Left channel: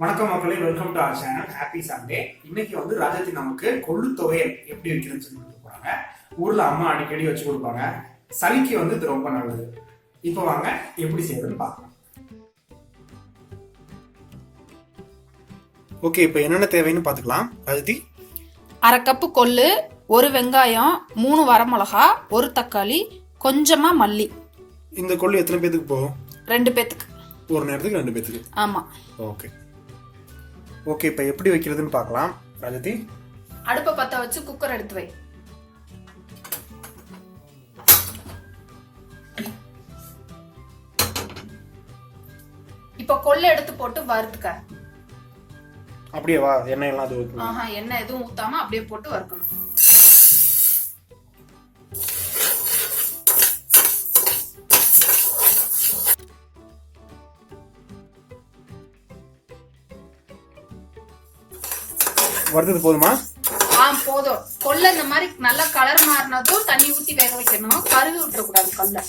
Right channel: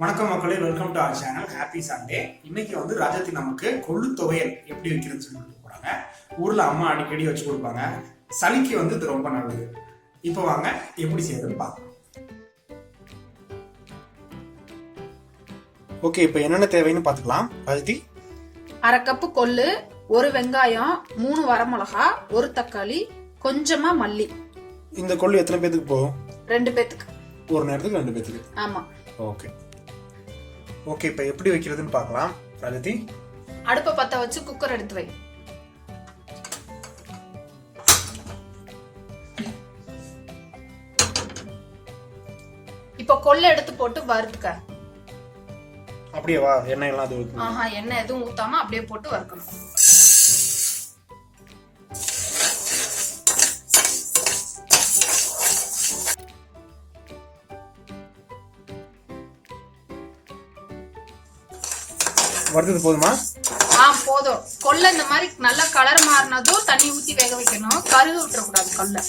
வணக்கம் மக்களே welcome to our channel happy Sunday இன்னைக்கு வந்து ராஜாத்தி நமக்கு கொள்ளு துவையல் எப்படி வைக்கிறதுன்னு சொல்லி கொடுக்க போறாங்க. ஊர்ல அம்மா அடிக்கடி வச்சு கொடுப்பாங்க. சளிக்கு வந்து இது ரொம்ப நல்லது. இப்போ வாங்க எப்படி செய்யறதுன்னு பார்க்கலாம். ஓகே இப்போ என்னென்ன தேவைன்னு பார்த்துக்கலாம். ராஜாத்தி அரை கப்பு கொள்ளு ஒரு வெங்காயம் மூணு வரமிளகா ஒரு தக்காளி கொஞ்சமா மல்லி. இந்த கொள்ளு எத்தனை பேத்துக்கு போகும்? ரெண்டு பேத்துக்கு. ஒரு நேரத்துக்கு ரெண்டு பேத்துக்கு. ஆமா. ஓகே ஓகே இப்போ எப்படி வைக்கிறதுன்னு பார்க்கலாம். ராஜாத்தி அடுப்பை பத்த வச்சு குக்கர் எடுத்து வை. இப்போ கொள்ளை எடுத்து போட்டு வறுத்துக்க. அப்படியே வா எண்ணெய் எல்லாம் அது வைக்கணும். ஆஹா எண்ணெய் எதுவும் ஊத்தாம அப்படியே போட்டு வறுக்கணும். வறுத்தது போதுமா? ஆ போதும். கொள்ளை இந்த மாதிரி நல்ல கலர் மாறினதும் தண்ணி ஊத்தி வேக வைக்கணும். கருகு விட்டுறக்கூடாது கொள்ளை.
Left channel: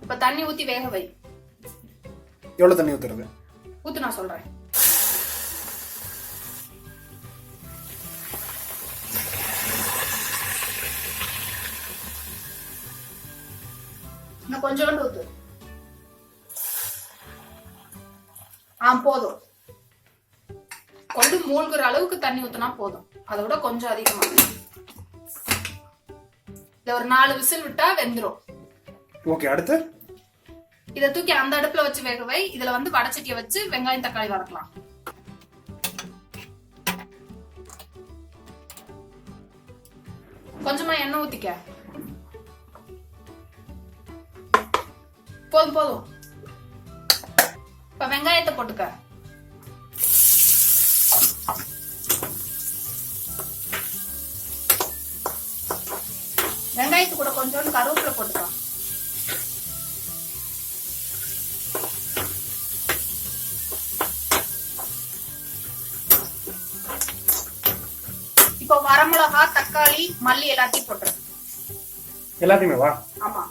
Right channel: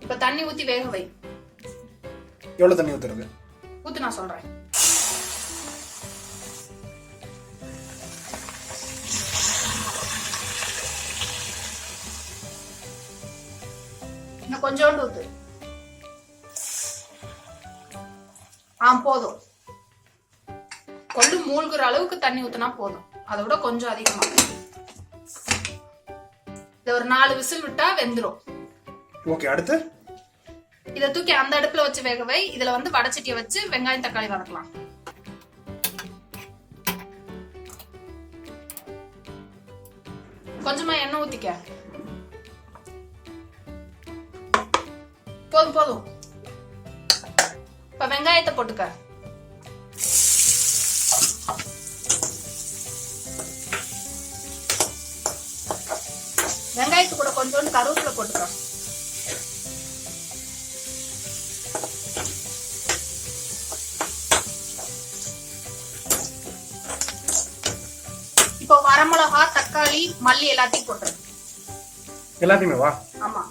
இப்ப தண்ணி ஊத்தி வேக வை. எவ்வளோ தண்ணி ஊற்றுறது ஊத்து நான் சொல்றேன். இன்னும் கொஞ்சோண்டு ஊத்து. ஆ போதும். கொண்டு மூழ்குற அளவுக்கு தண்ணி ஊத்துனா போதும். அதை விட கொஞ்சம் அதிகமா. இத ஒரு நாலு விசில் விட்டா வெந்துரும். ஓகே அடுத்து? இத தூக்கி அந்த அடுப்புல வச்சு வேக வை. இதுல வந்து வடச்சட்டியை வச்சு வெங்காயம் தக்காளி வதக்கலாம். கொஞ்சமா எண்ணெய் ஊத்திக்க. போதும் போதும். இப்ப வெங்காயத்தை போட்டுக்க. வெங்காயத்து கூட கொஞ்சோண்டு கருவேப்பிலை போட்டுக்க இப்போ வரமிளகா தக்காளி மல்லி எல்லாத்தையும் போட்டுரு எல்லாத்தையுமே வா. ஆமா.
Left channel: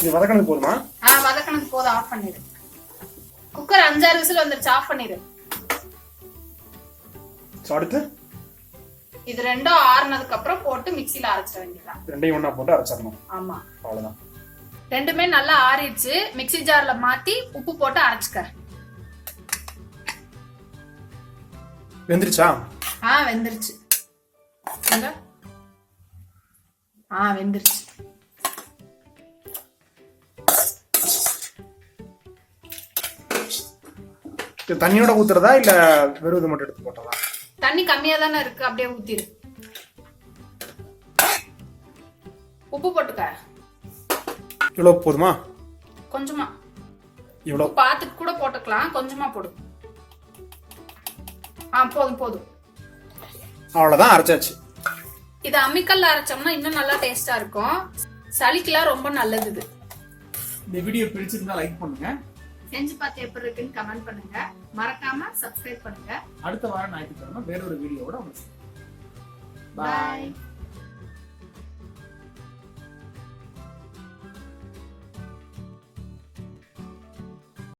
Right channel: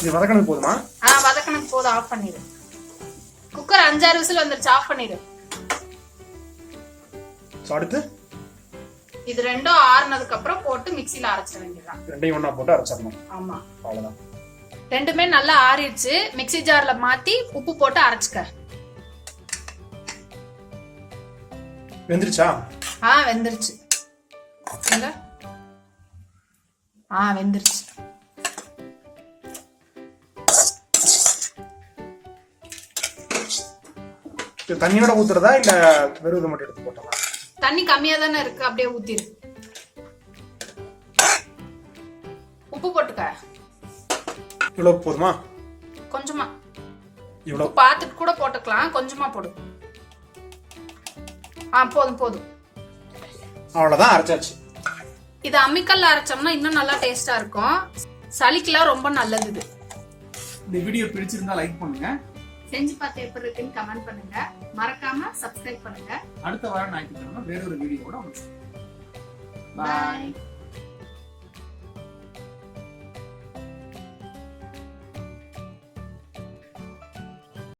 இது வதக்கினது போதுமா? ஆ வதக்கணுக்கு போதும். ஆஃப் பண்ணிடு. குக்கர் அஞ்சாறு விசில் வந்துருச்சு. ஆஃப் பண்ணிடு. அடுத்து? இது ரெண்டும் ஆறுனதுக்கு அப்புறம் போட்டு மிக்ஸில அரைச்சிட வேண்டியதுதான். ரெண்டையும் ஒன்றா போட்டு அரைச்சிடணும். ஆமா. அவ்வளோதான் ரெண்டுமே நல்லா ஆறிடுச்சு. மிக்ஸி ஜார்ல மாத்தி உப்பு போட்டு அரைச்சுக்க. வெந்துருச்சா? ஆ வெந்துருச்சு? ஆ வெந்துருச்சு. இது தண்ணியோட ஊத்துறதா இல்லை வெறும் இது மட்டும் எடுத்து போட்டதா? தண்ணி கம்மியா தானே இருக்கு அப்படியே ஊத்திரு. உப்பு போட்டுக்க. இவ்வளோ போதுமா? கொஞ்சமா. இவ்வளோ உப்பு பார்த்துட்டு கூட போட்டுக்கலாம் கொஞ்சமா போடு. ஆ போதும் போதும். அவ்வளோதான் அரைச்சாச்சு. இது அம்மிக்கல்ல அரைச்சோம்னா இன்னும் நல்லா டேஸ்டா இருக்கும். சளிக்கெல்லாம் ரொம்ப நல்லது இது. இந்த வீடியோ பிடிச்சிருந்தா லைக் பண்ணுங்க. செஞ்சு பார்த்து எப்படி இருக்குன்னு கமெண்ட் பண்ணுங்க. மறக்காம சப்ஸ்கிரைப் பண்ணுங்க. அடுத்த வாரம் ஞாயிற்றுக்கிழமை வேறொரு வீடியோவோட உங்களுக்கு பாய்